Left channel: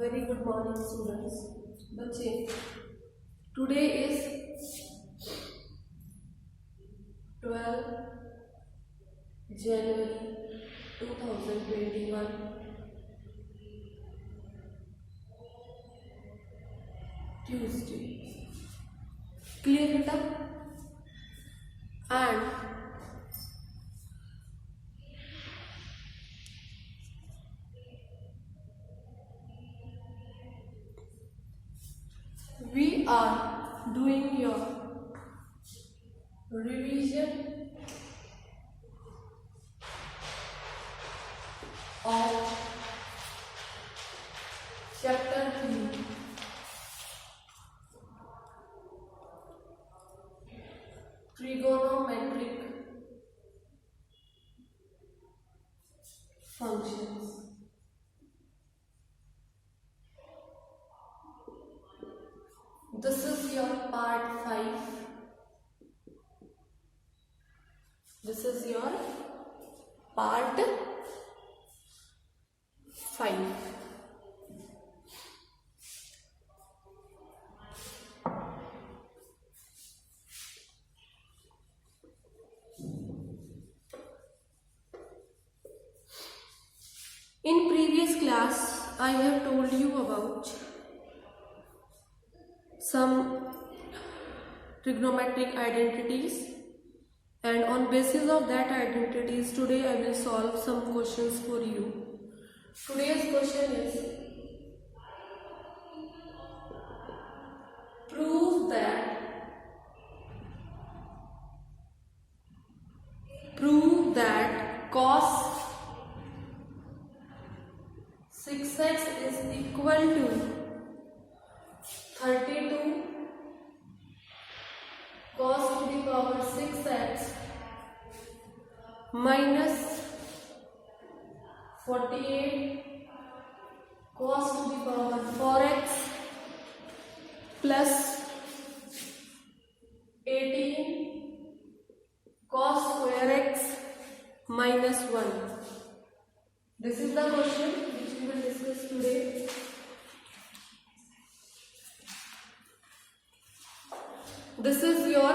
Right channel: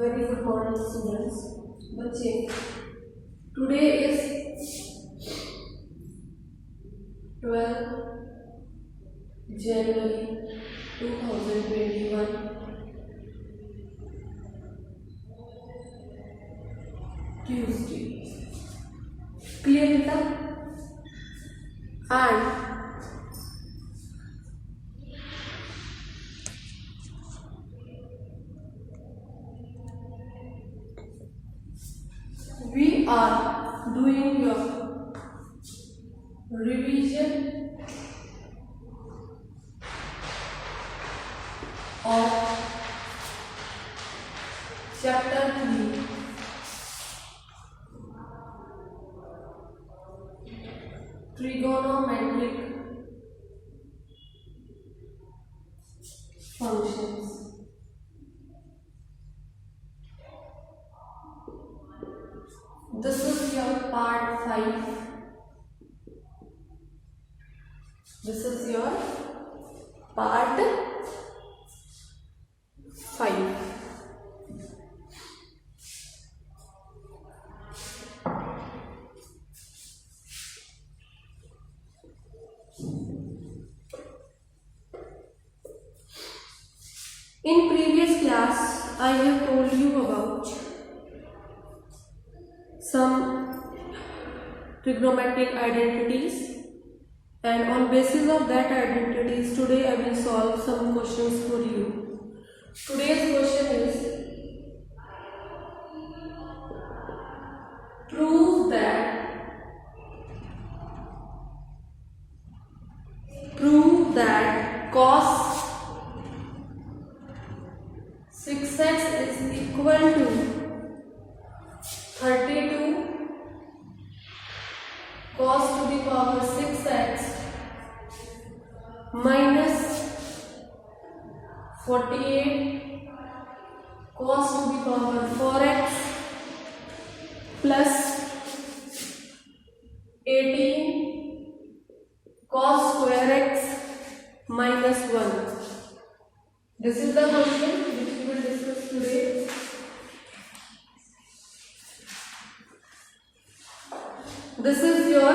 Very good morning, students. बच्चे, today is 12 January 2021, Tuesday. Clear बेटा? And we are doing your revision of chapter 3, trigonometric functions. This is your part 5. This is your part 5. In previous class, I have told you about some trigonometric identities, and on basis of that identities today I will solve some questions for you. Today's question is prove that cos 6x is equal to 32 cos to the power 6x minus 48 cos to the power 4x plus 18 cos square x minus 1. This is the question which we will discuss today. This is your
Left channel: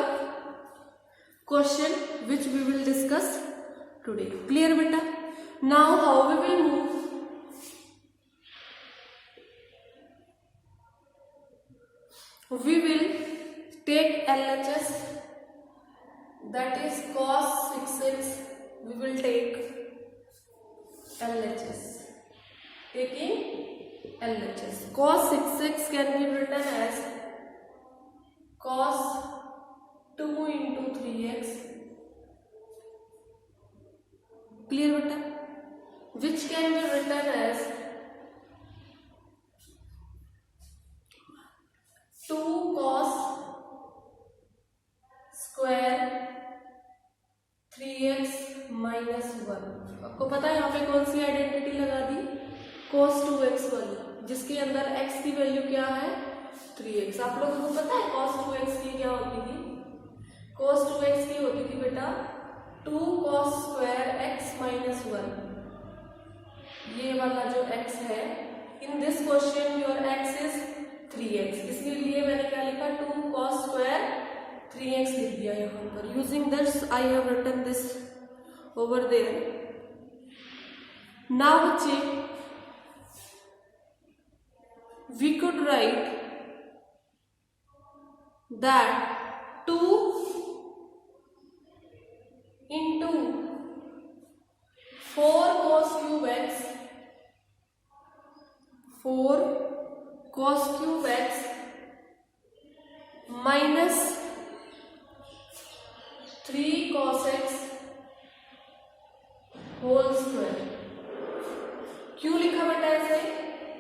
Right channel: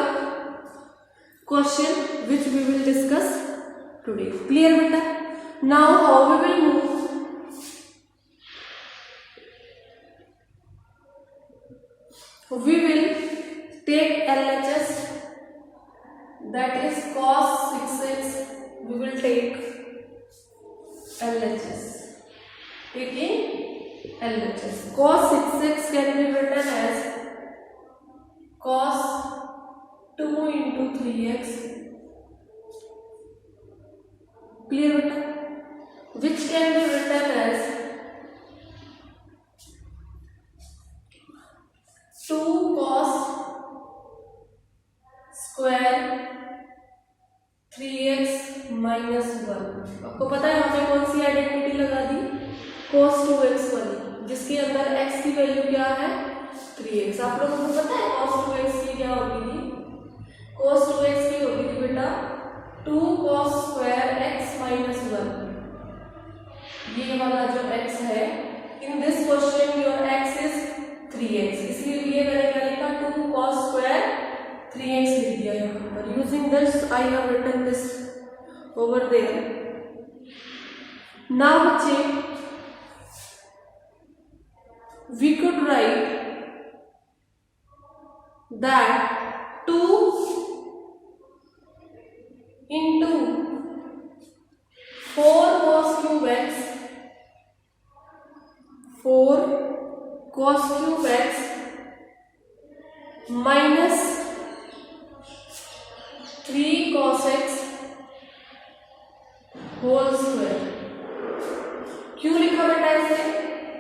question which we will discuss today. Clear beta? Now how we will move? We will take LHS, that is cos 6x. We will take LHS. Taking LHS. Cos 6x can be written as cos 2 into 3x. Clear beta? Which can be written as 2 cos square 3x minus 1. आपको पता है हमने कौन सी identity लगा दी? cos 2x वाली, जिसके अंदर x की वैल्यू क्या है? 3x. आप लोगों को पता है cos 2x की क्या होती थी? cos 2x की होती थी बेटा 2 cos square x minus 1. ये वाला जो x है, in this question your x is 3x, इसलिए मैंने क्या लिखा 2 cos square 3x लिख दिया यहाँ पर. Using this I have written this over there. Now बच्चे, we could write that 2 into 4 cos cube x, 4 cos cube x minus 3 cos x whole square. क्यों लिखा बेटा ऐसे?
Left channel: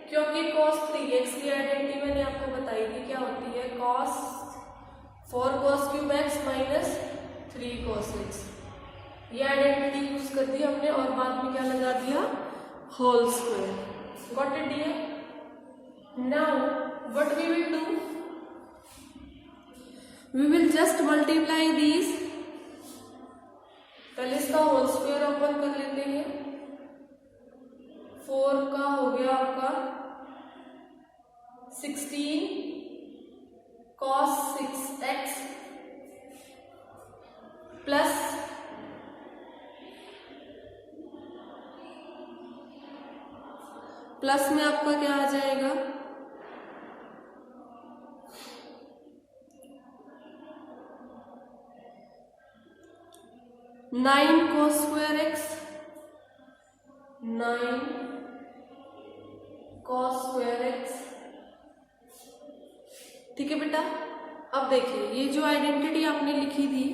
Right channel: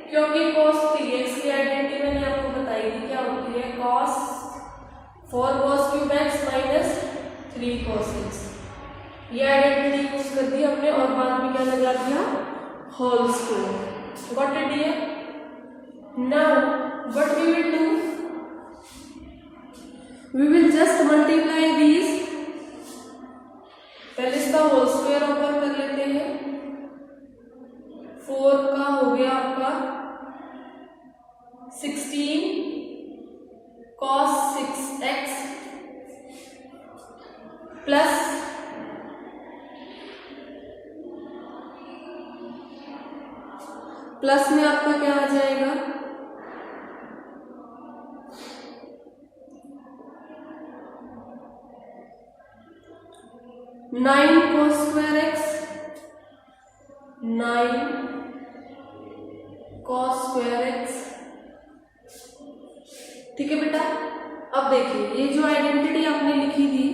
क्योंकि cos 3x की आइडेंटिटी मैंने आपको बताई थी क्या होती है? cos 4 cos cube x minus 3 cos x. ये आइडेंटिटी यूज कर दी हमने और बाद में क्या लगा दिया? Whole square. Got it dear? Now what we will do? We will just multiply these. पहले इसका होल स्क्वायर ओपन कर लेते हैं. 4 का हो गया आपका 16 cos 6x प्लस में आपका क्या आ जाएगा, 9 cos square x, 9 cos square x। ठीक है बेटा, अब देखिए ये जो आइडेंटिटी आपने लिखी थी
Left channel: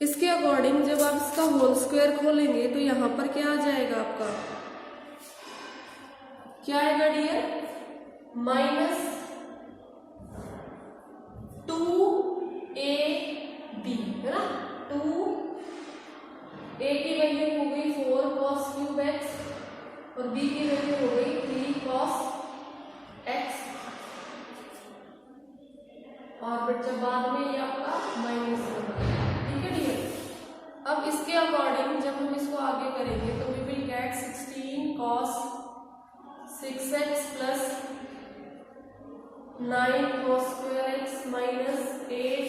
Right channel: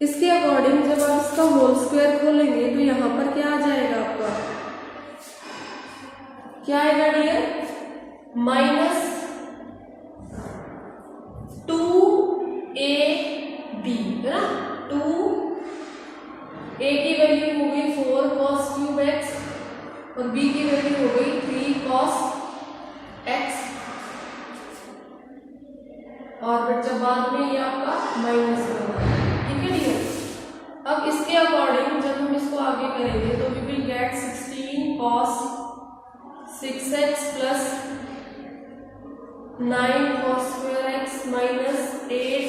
इसके अकॉर्डिंग जब आप इसका होल स्क्वायर खोलेंगे तो यहां पर क्या आ जाएगा आपका, क्या आएगा डियर, -2ab है ना। 2a की वैल्यू हो गई 4 cos क्यूब x और b की वैल्यू हो गई 3 cos x, और फिर जब बाद में ये आपका -1, ठीक है डियर। अब इसके अकॉर्डिंग जब हम इसको आगे करेंगे तो we will get 16 cos 6x plus 9 cos square x minus 8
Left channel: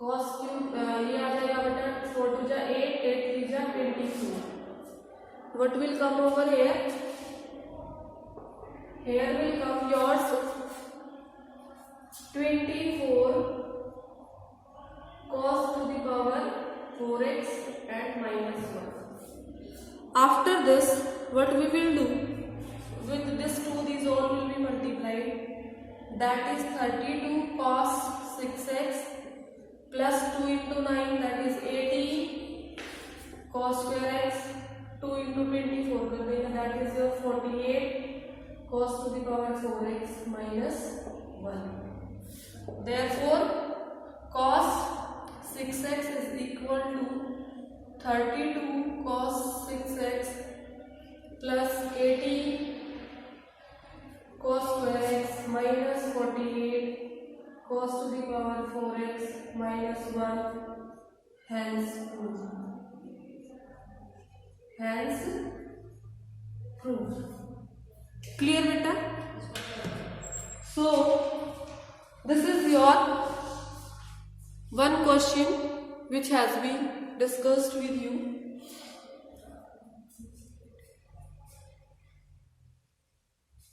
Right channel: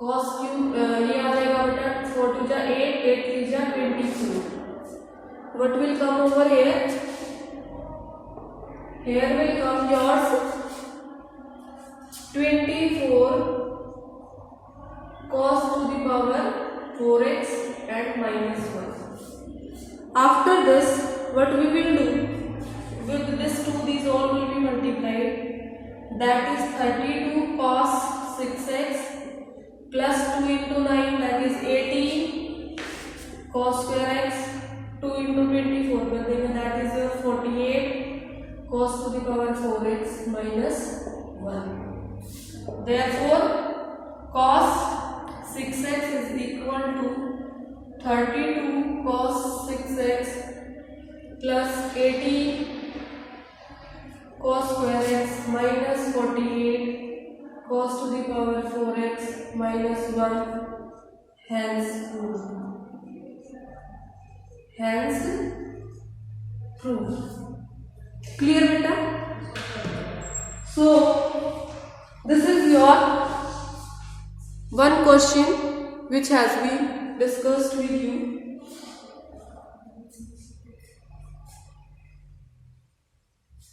cos cube, ये आ जाएगा बेटा 4 2 जा 8, 8 3 जा 24। What will come over here? Here will come yours 24 cos to the power 4x and -1. After this, what we will do? With this 2, these all will be multiplied. That is 32 cos 6x plus 2 into 9, that is 18 cos square x, 2 into 24 कर देना, that is your 48 cos to the power 4x minus 1. Therefore cos 6x is equal to 32 cos 6x plus 18 cos square x minus 48 cos to the power 4x minus 1, hence proved. Clear beta? So this is your one question which has been discussed with you.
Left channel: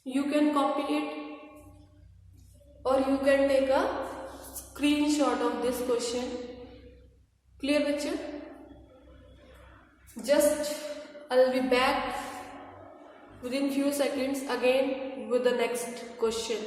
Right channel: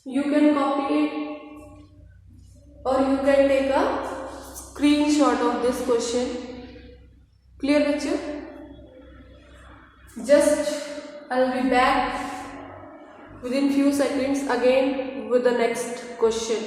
You can copy it or you can take a screenshot of this question. Clear picture? Just I'll be back within few seconds again with the next question.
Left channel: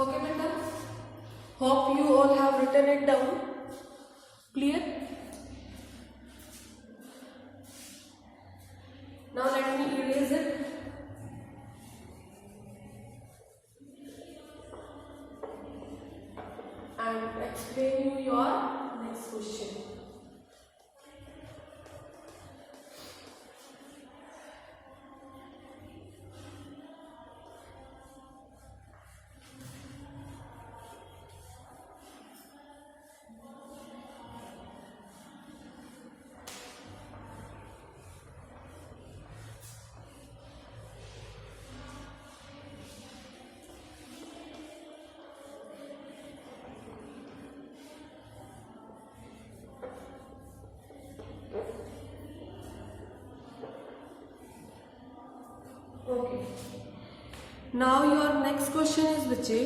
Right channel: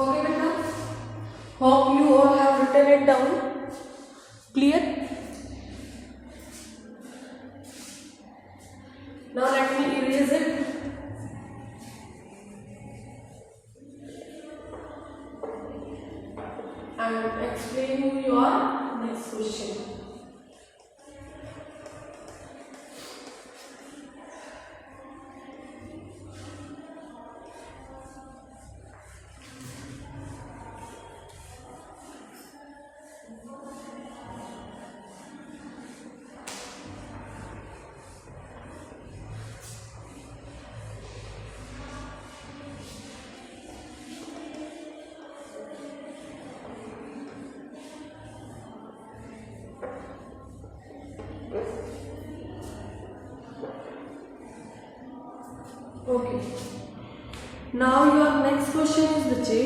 Okay, beta. Hope you all have written it down. Clear? Now let me erase it. and explain you your next question. Okay. Now your next question is बच्चे,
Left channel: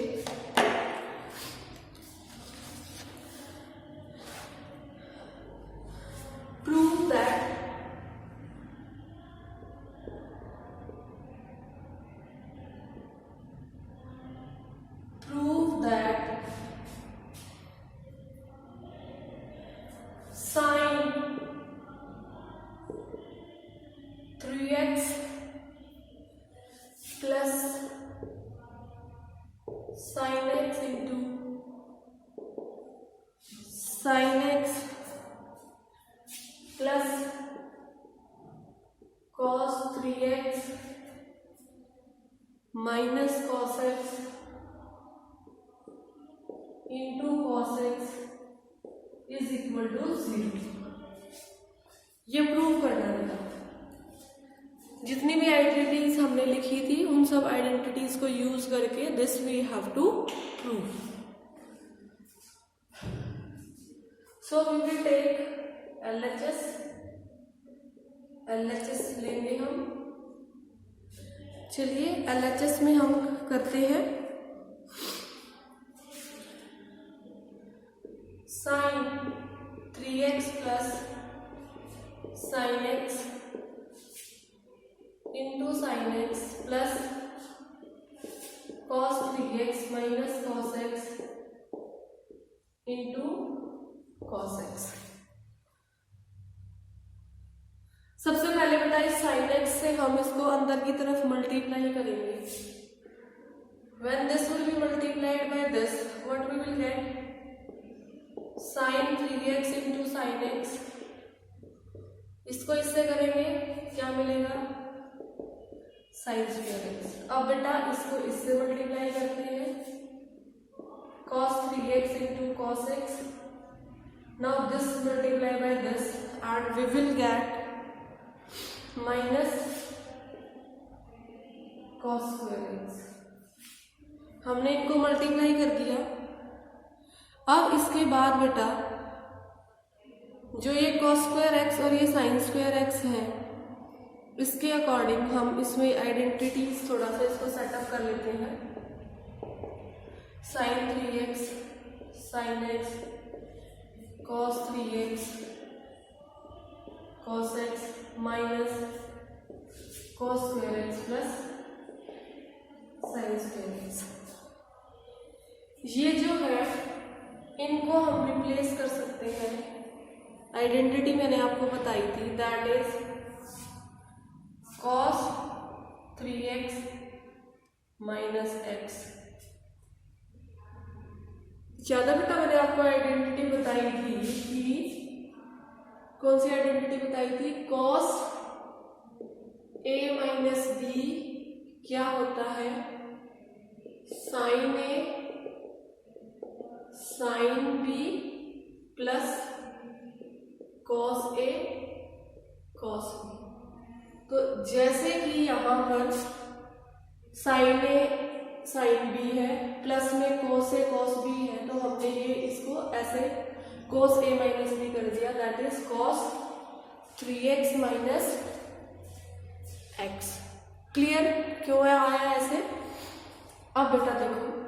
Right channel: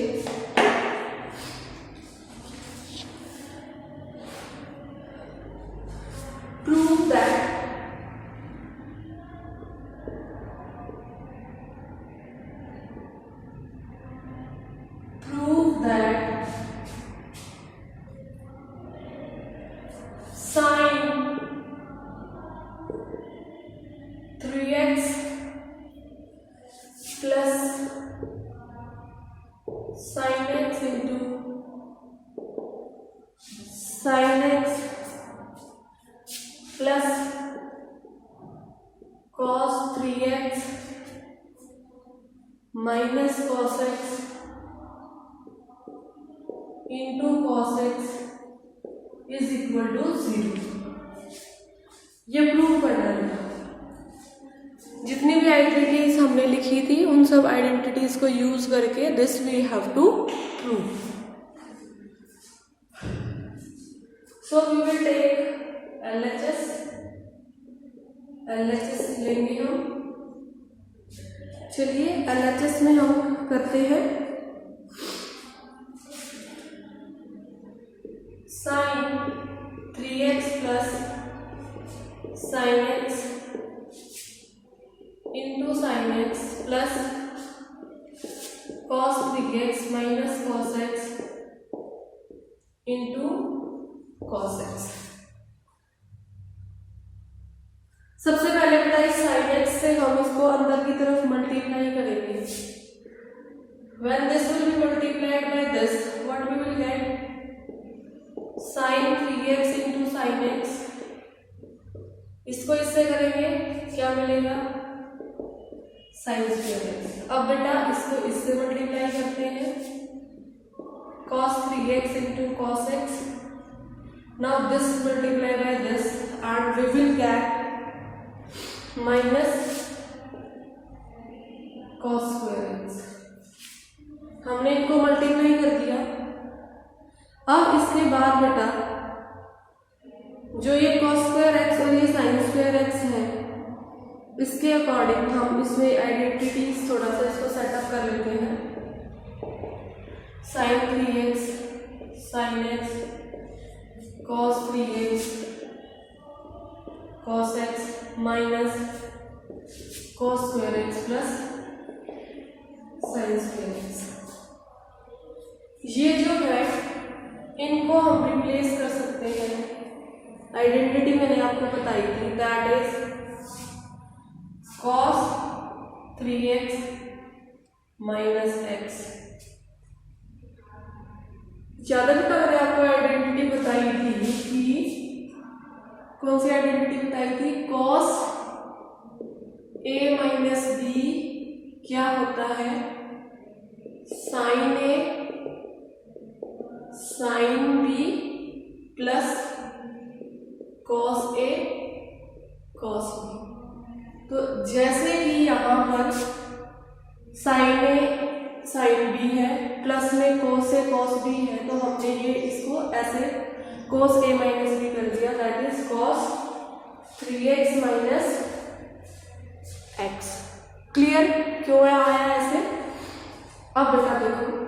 prove that sin 3x plus sin x into sin x plus cos 3x minus cos x into cos x is equal to 0. ये prove करना है। जितनी भी identities हमने लिखी थी उन सब आइडेंटिटीज को यूज करके this we have to prove. So we will take LHS लेंगे हम। चलिए एलएचएस में हम करते हैं sin 3x plus sin x into sin x plus cos 3x minus cos x into cos x। सबसे पहले बेटा इस sin x से हम इसको अंदर की तरफ मल्टीप्लाई करेंगे। When this will be multiplied by this, what we will get? sin 3x into sin x। इसको इससे करेंगे क्या मिलेगा? sin square x। अब बेटा इसको इससे मल्टीप्लाई करते हैं cos 3x into cos x। Now this multiply by this and we will get minus cos square x। हमने इनको मल्टीप्लाई कर दिया। अब इसके बाद बेटा जो ये cos square x और ये sin square x है इसके अकॉर्डिंग हम इसमें आइडेंटिटीज थोड़ा सा इसको सेटअप कर लेते हैं। sin 3x sin x cos 3x cos x minus cos square x plus sin square x। ये जो है इनको हम रिप्लेस कर सकते हैं। आइडेंटिटी मैंने आपको बताई थी, that is cos 3x minus x। ज्यादा भी तो मैंने आपको आइडेंटिटी बताई थी कि कौन सी आइडेंटिटी बताई थी? cos a माइनस b क्या होता है? sin a sin b plus cos a cos b। तो जैसे कि यहाँ पर sin a sin b है प्लस में cos a cos b है, तो हमने ये इसको ऐसे cos a माइनस b कर दिया, that is cos 3x minus x। Clear क्यों है आया ऐसे? अब बेटा देखो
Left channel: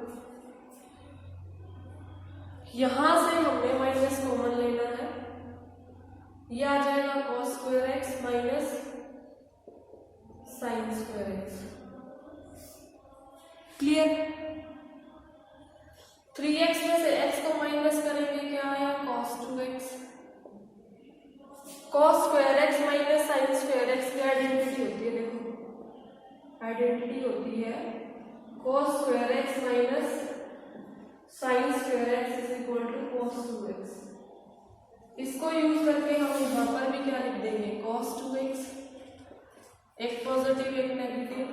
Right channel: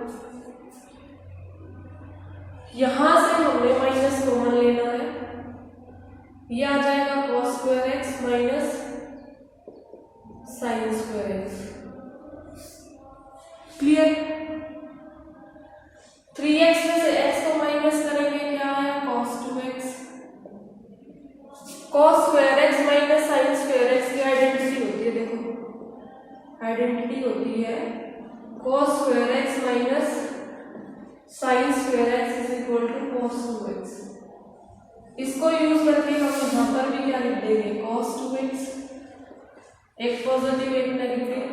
यहां से हमने माइनस कॉमन लेना है, यह आ जाएगा cos square x minus sin square x। Clear? 3x में से x को माइनस करेंगे क्या है? cos 2x। cos square x minus sin square x की आइडेंटिटी होती है, देखो आइडेंटिटी होती है cos square x minus sine square x is equal to cos 2x। इसको यूज करके हम यहाँ पर भी क्या लिख देंगे, cos 2x, एक पॉजिटिव एक negative,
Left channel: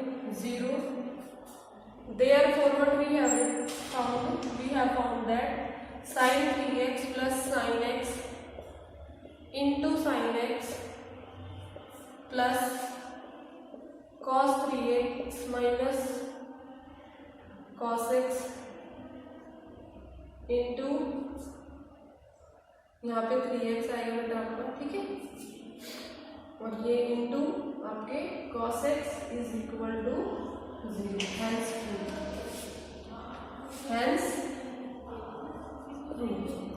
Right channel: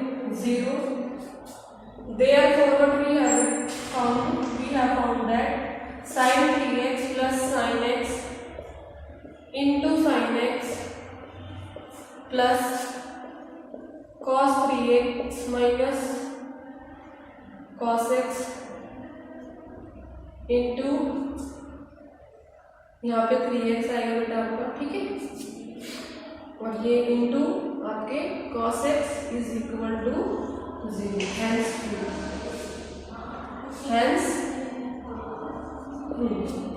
0। Therefore what we have found? We have found that sin 3x plus sin x into sin x plus cos 3x minus cos x into, यहाँ पे 3x आएगा बेटा आपका, ठीक है, और ये इंटू आपके cos x is equal to 0। Hence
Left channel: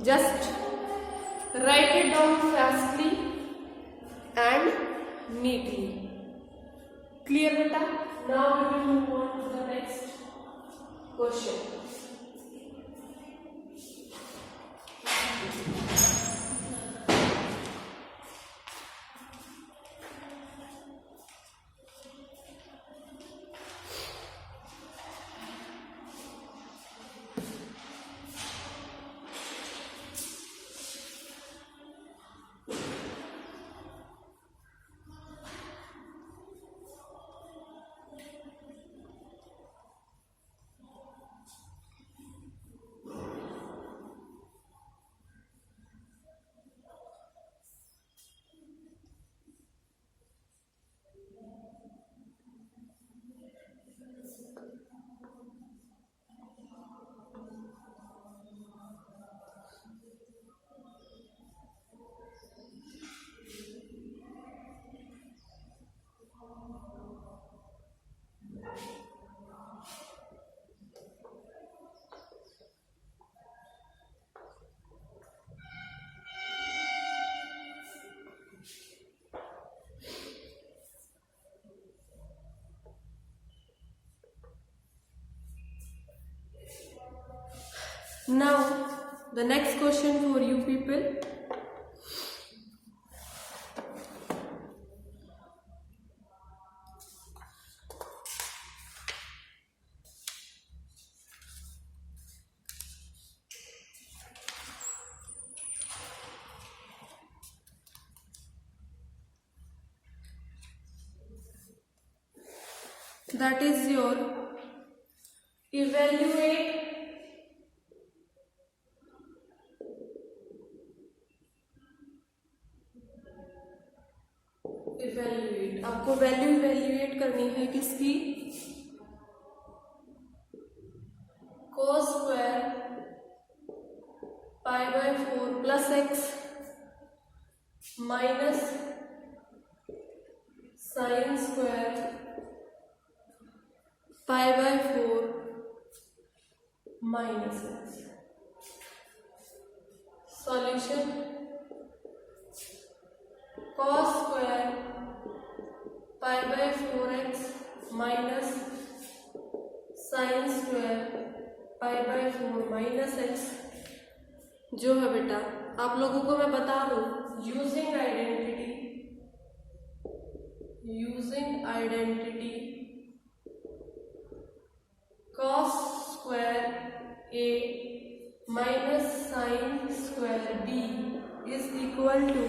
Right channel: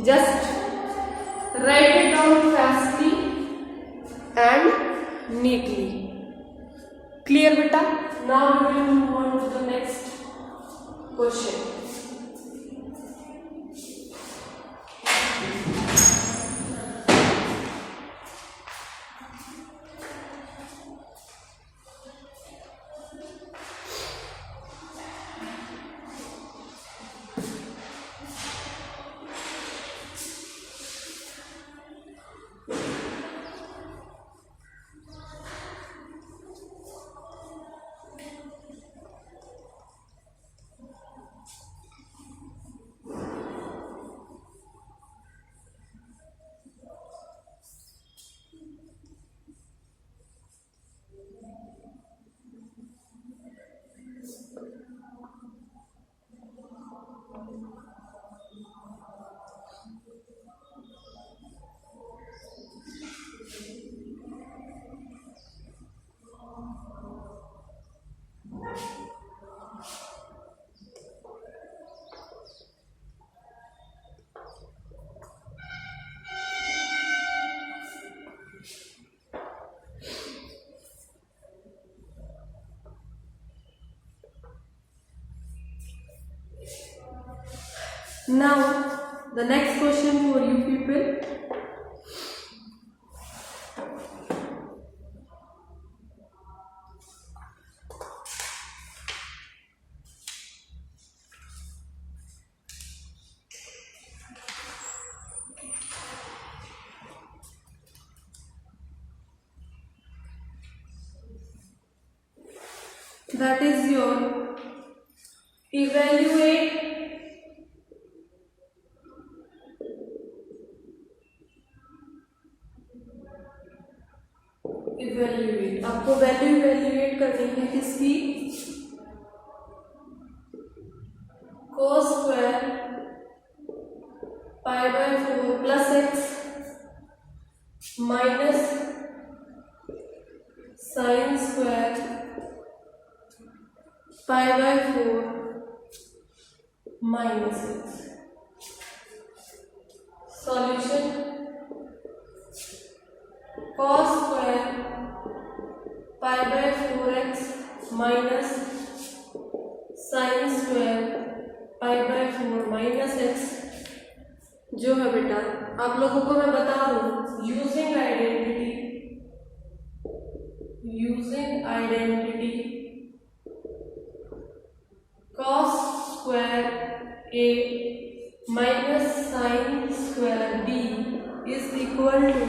just write it down fastly and neatly. Clear beta? Now we will move on to the next question. Now the next question for you people. That is your evaluate आपको value evaluate करनी है किसकी, cos square pi by 4 plus x minus sine square pi by 4 minus x. Solution, cos square pi by 4x minus sine square pi by 4 minus x जो है बेटा, आप लोगों को मैं बता दूं, using identity cos square a minus sine square b is equal to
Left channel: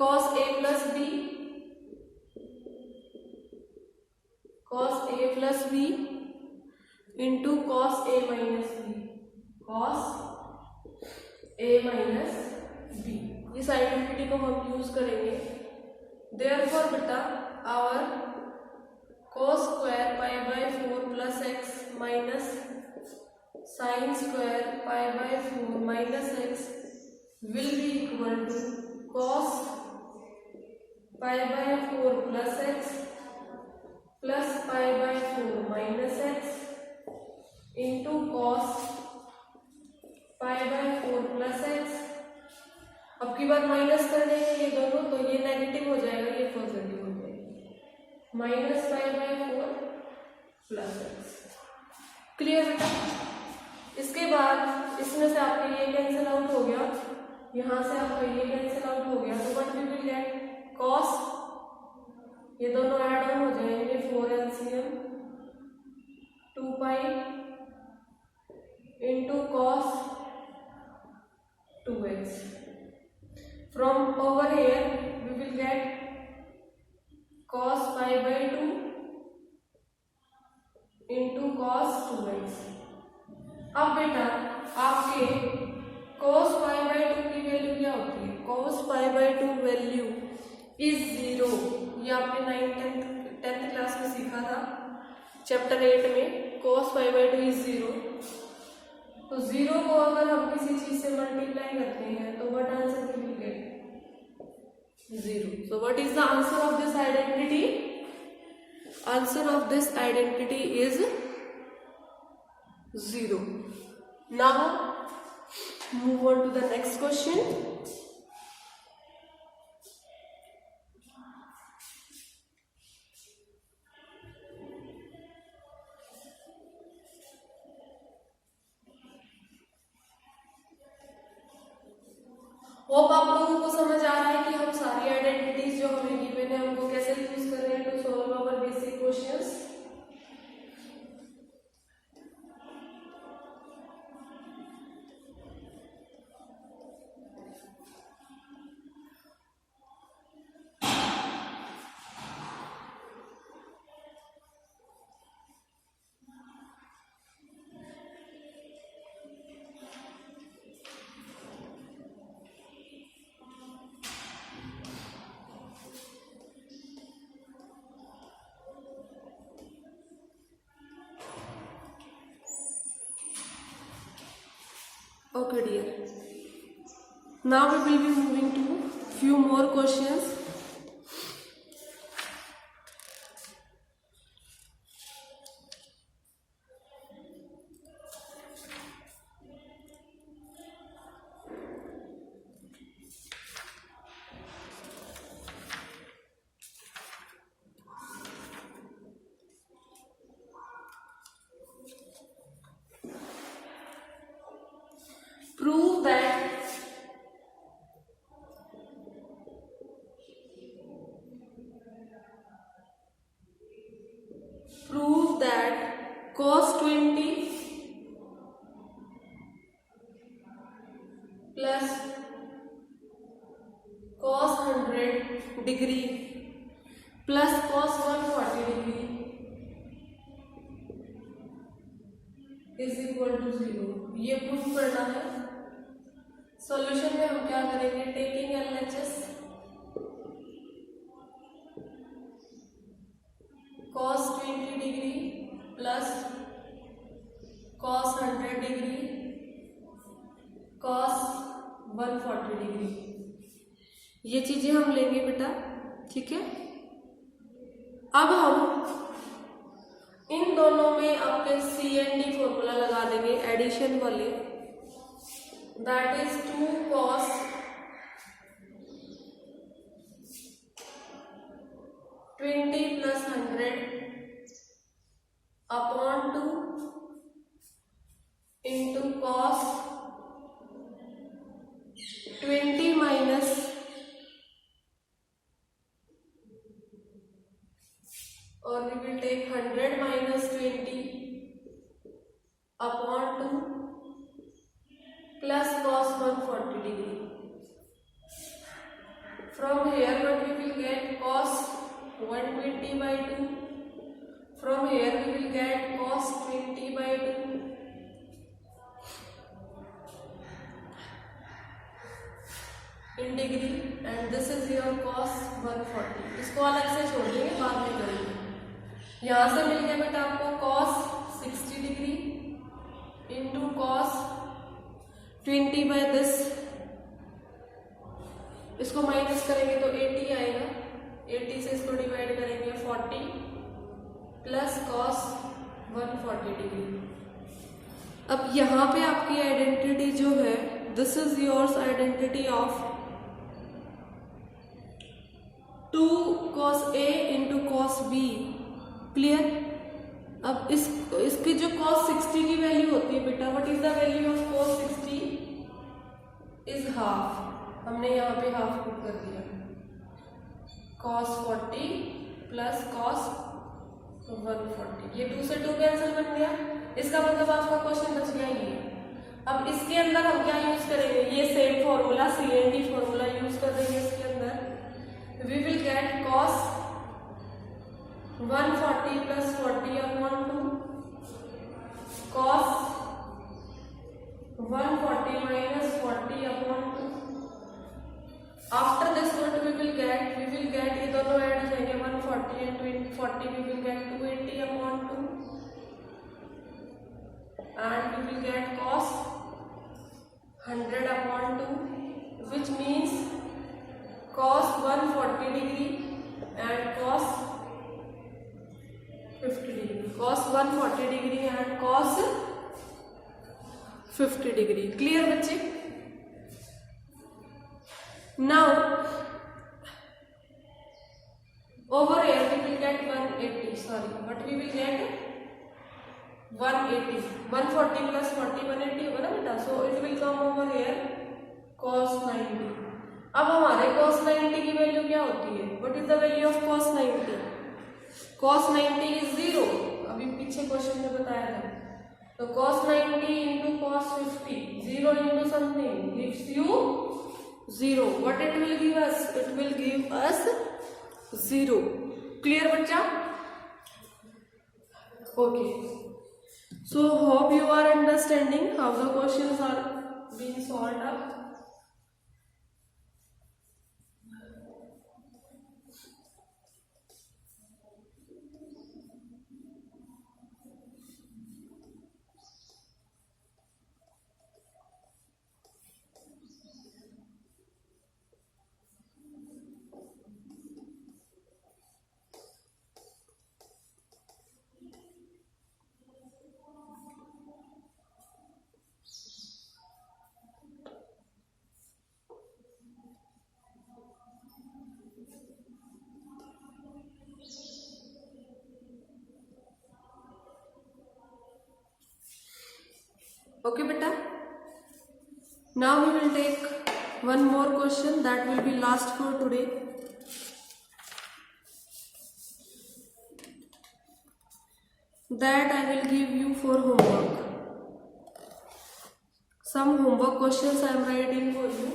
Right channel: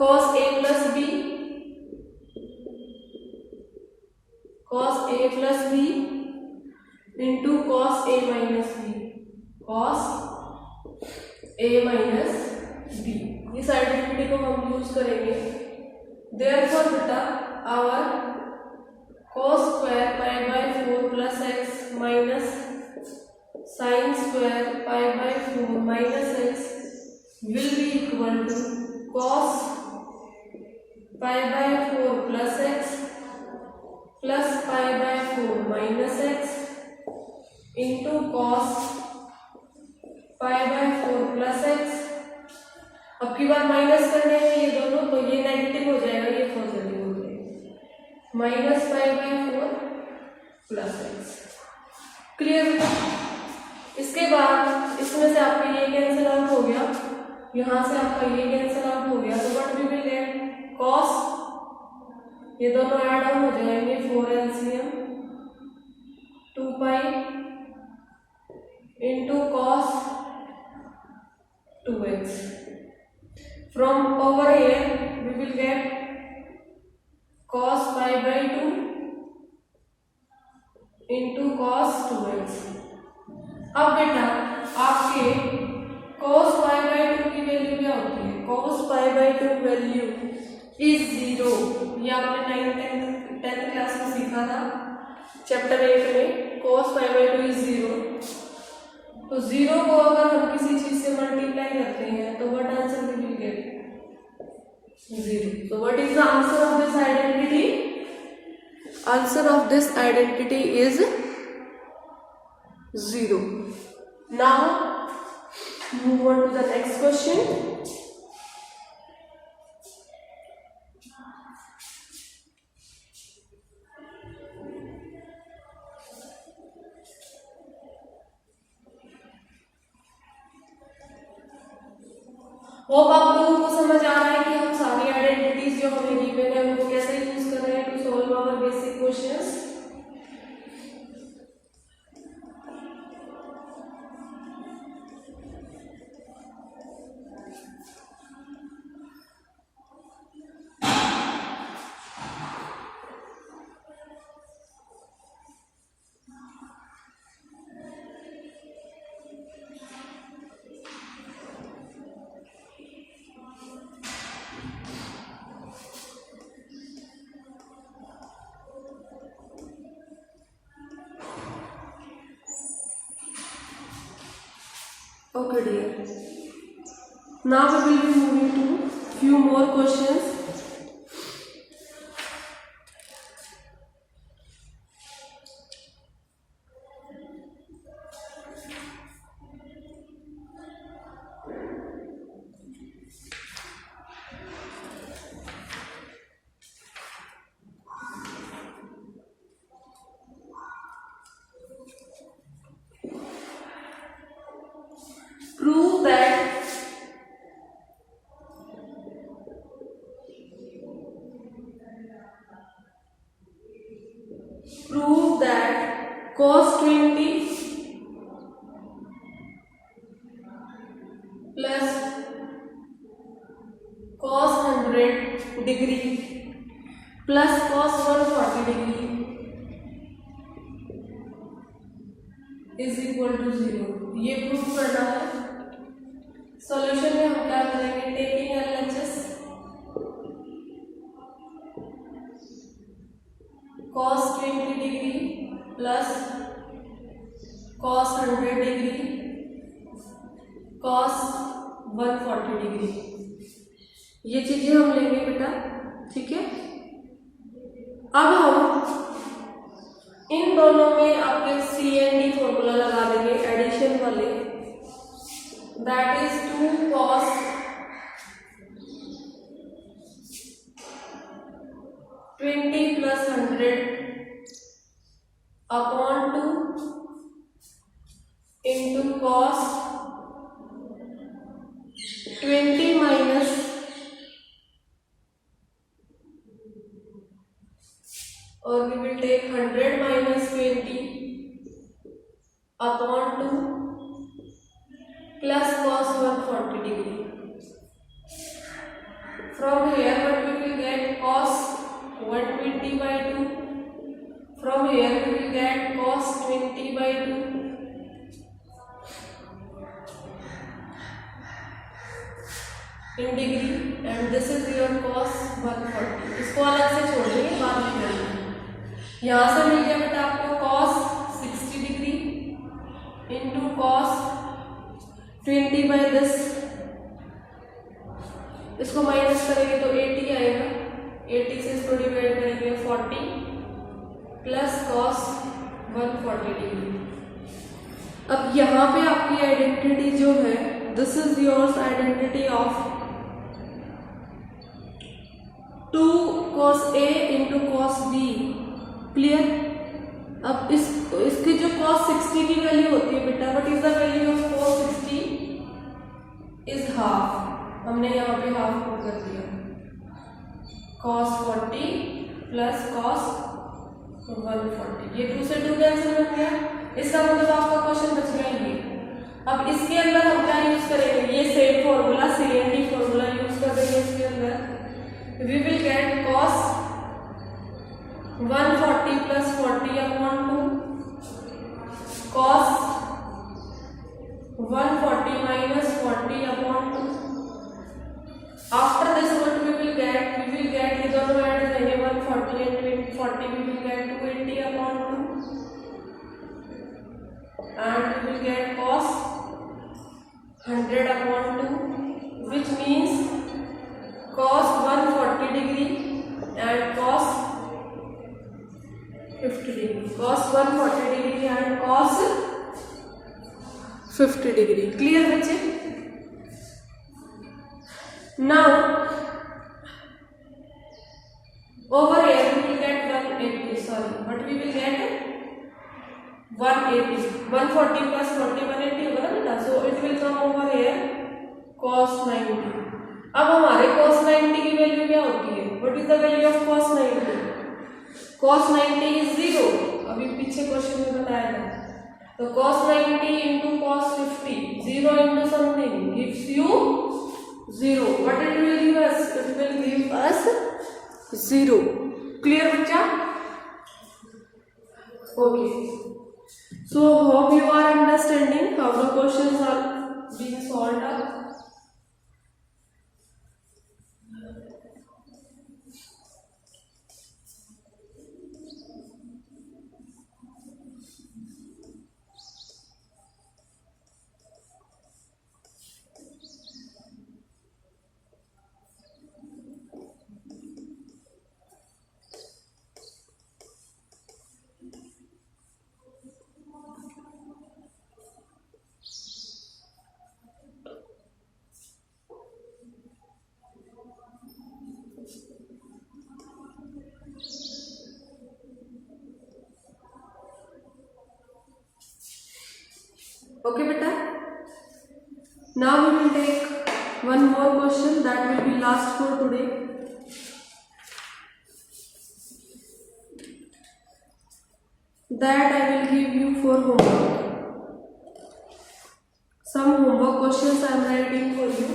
cos a plus b, cos a plus b into cos a minus b, cos a minus b। इस आइडेंटिटी को हम यूज करेंगे। Therefore बेटा our cos square pi by 4 plus x minus sine square pi by 4 minus x will be equal to cos pi by 4 plus x plus pi by 4 minus x into cos pi by 4 plus x. अब की बार minus करने हैं ये दोनों, तो ये negative हो जाएगा, ये पॉजिटिव हो जाएगा, minus pi by 4 plus x. Clear है? इसके बाद इसमें से आपका ये कैंसिल आउट हो गया, यहाँ से आपका ये कैंसिल आउट हो गया, तो what we will get, cos, ये दोनों ऐड ऑन हो जाएंगे, 4 LCM 2 pi into cos 2x. From over here we will get cos pi by 2 into cos 2x. अब बेटा आपके cos pi by 2 की वैल्यू क्या होती है? cos pi by 2 value is 0। ये आपने 10th क्लास में सीखा था चैप्टर 8 में। cos pi by 2 is 0। तो 0 को अगर हम किसी चीज से मल्टीप्लाई करते हैं तो what answer we will get? 0। So what is the answer of this identity? Answer of this identity is 0. Now move on to the next question. Hope आप लोगों को समझ आ रहा है कि हम सारी आइडेंटिटीज जो हमें गिवन है उनको कैसे यूज कर रहे हैं to solve our basic questions. Okay dear, now we will be moving to few more questions. Prove that cos 20 plus cos 100 degree plus cos 140 degree is equal to 0। ये proof करना है। Solution में हम क्या करेंगे? Taking LHS cos 20 degree plus cos 100 degree cos 140 degree, ये चीजें हम लेंगे बेटा, ठीक है। अब हम इन दोनों में आपके CND फॉर्मूला लगा देंगे एडिशन वाले, that is 2 cos 20 plus 100 upon 2 into cos 20 minus or we will take 100 minus 20 upon 2 plus cos 140 degree. From here what we will get? Cos 120 by 2. From here we will get cos 20 by 2. In degree, and this is your cos 140। इसको अलग से छोड़ देंगे, बाद में करेंगे। यहाँ से मिल गया बेटा आपको cos 60 degree into cos 20 by this, इसको माइनस करेंगे तो 80 आएगा, 80 से इसको डिवाइड करेंगे 40 प्लस cos 140 डिग्री। अब यहाँ पे आपकी आइडेंटिटी जो है, this is yours identity of 2 cos A into cos B, clear. अब इसकी जो cos 60 की वैल्यू होती है बेटा, what is the value of cos 60 is half, हमने यहाँ पे हाफ पुट कर दिया, cos 40 प्लस cos 140, ये 2 से 2 कैंसिल बन गया। इसका मतलब आपका क्वेश्चन बच गया ये अब इसके अंदर हम क्या यूज करेंगे, ये same formula CNT formula use कर देंगे इसके अंदर। We will get cos 140 plus 40 upon 2 cos 140 minus 40 upon 2। After this what we will get ये दोनों ऐड हो जाएंगे 140 and 40 we will get 280 upon 2 and we will get cos 100 upon 2 which means cos 140 degree and cos 50 degree, cos 140 degree and cos 50 degree। Clear बच्चे? Now over here we will get 180, sorry, but we will get 180, 140 plus 40 180 होगा ना बेटा, so it will come over here cos 90। अब हमारे cos 90 की value क्या होती है, what is the value of cos 90? cos 90 is 0, अभी पीछे क्वेश्चन में बताया था। तो cos 90 into cos 50, 0 into something gives you 0, but it will give us 0। Clear बच्चा? Okay, so hope you are understanding how the questions are being solved up। Okay beta, now we will take one more question that will be last for today। that I will give you for homework। some homework questions I am writing for you,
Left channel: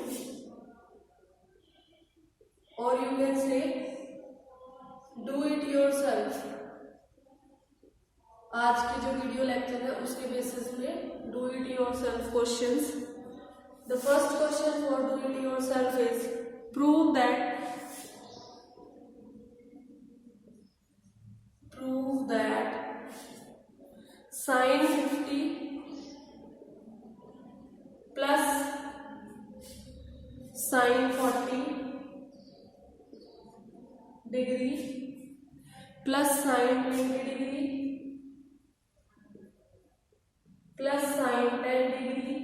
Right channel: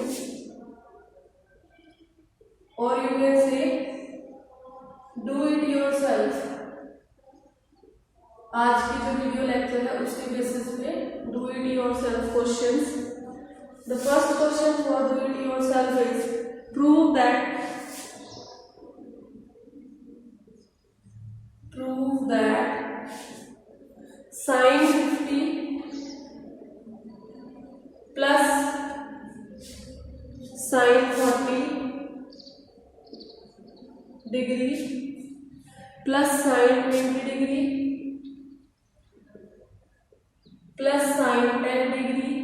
or you can say do it yourself। आज की जो video lecture है उसके basis पे do it yourself questions. The first question for do it yourself is prove that sin 50 plus sin 40 degree plus sin 20 degree plus sin 10 degree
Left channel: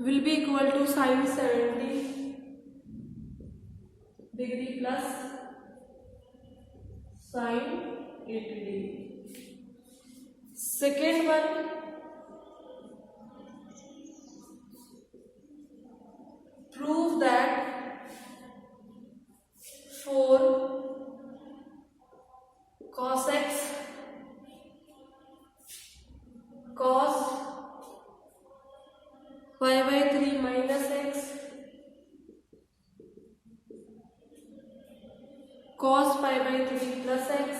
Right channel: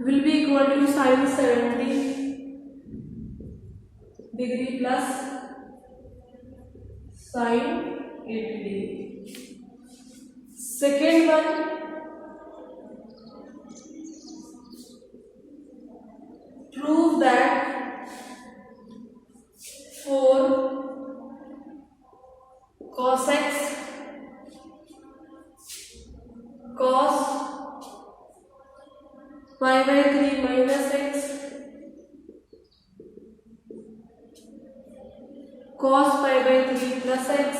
will be equal to sin 70 degree plus sin 80 degree। Second one, prove that for cos x cos y by 3 minus x cos pi by 3 plus x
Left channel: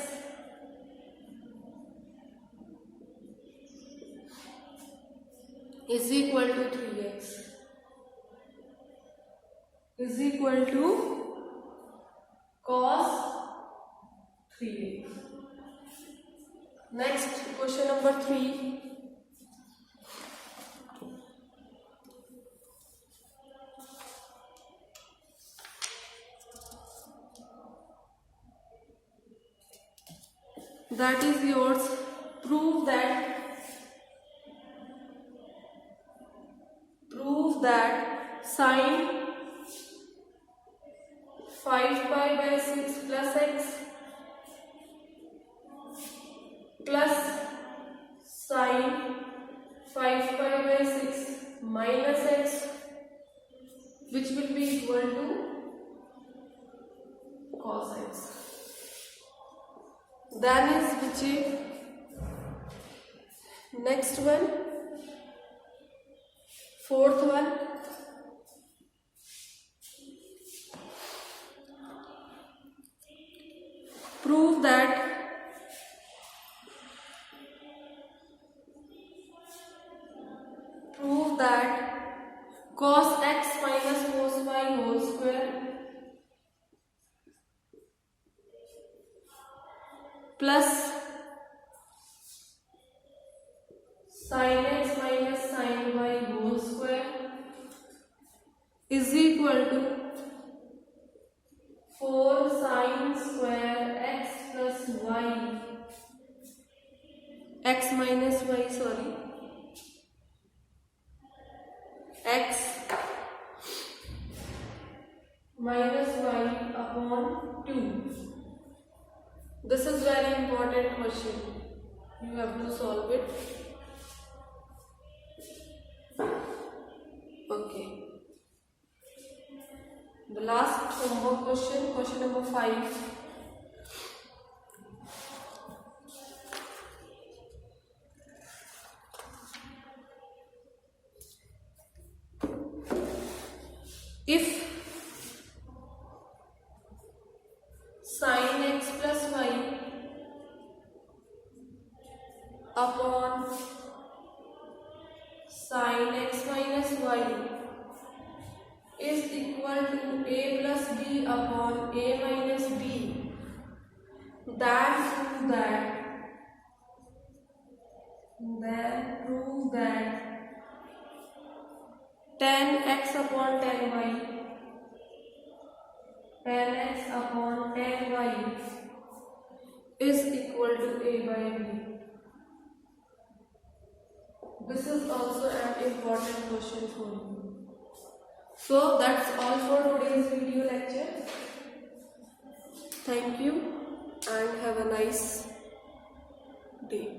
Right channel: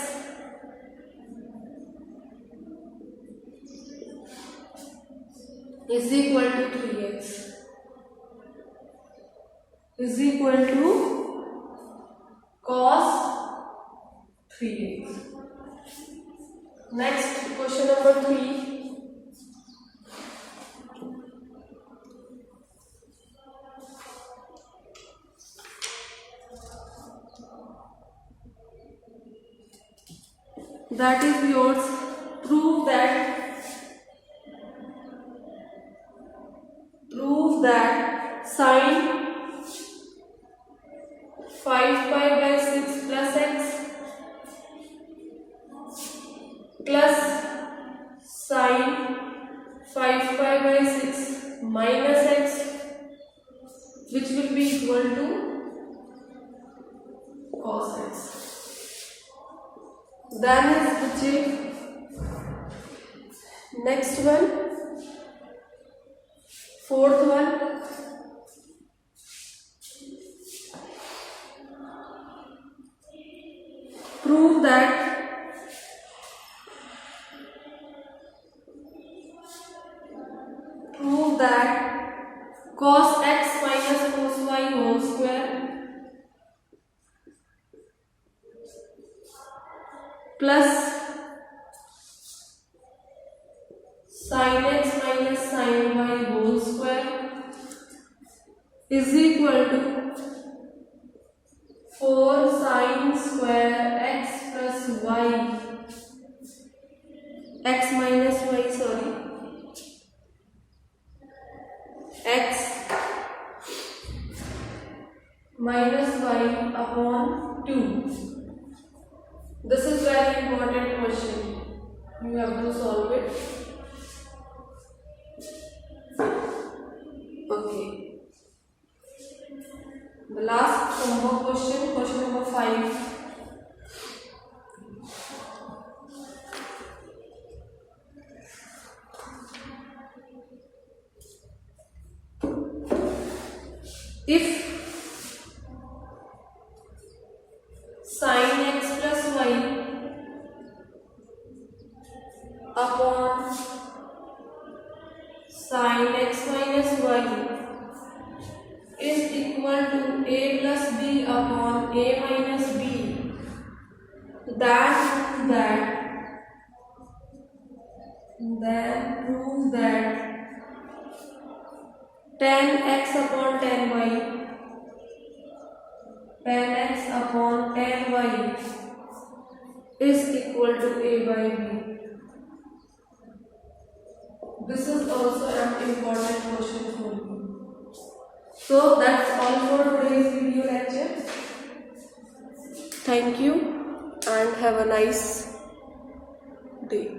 is equal to 3x is equal to cos 3x। Next question number 3, that is yours। prove that sin 5 pi by 6 plus x plus sin 5 pi by 6 minus x which will be equal to cos x। Then is which is next one, Fourth one, prove that cos x minus cos y whole square plus sin x minus sin y whole square is equal to 4 sin square x plus y, x minus y, sorry, x minus y upon 2. This is very important question. You have to solve it. Okay. The last homework question, question number 5. If sin x plus y upon sin x minus y is equal to a plus b upon a minus b, then prove that tan x upon tan y is equal to a by b. This is also an important question for you. So that's all for today's video lecture. Thank you and have a nice day.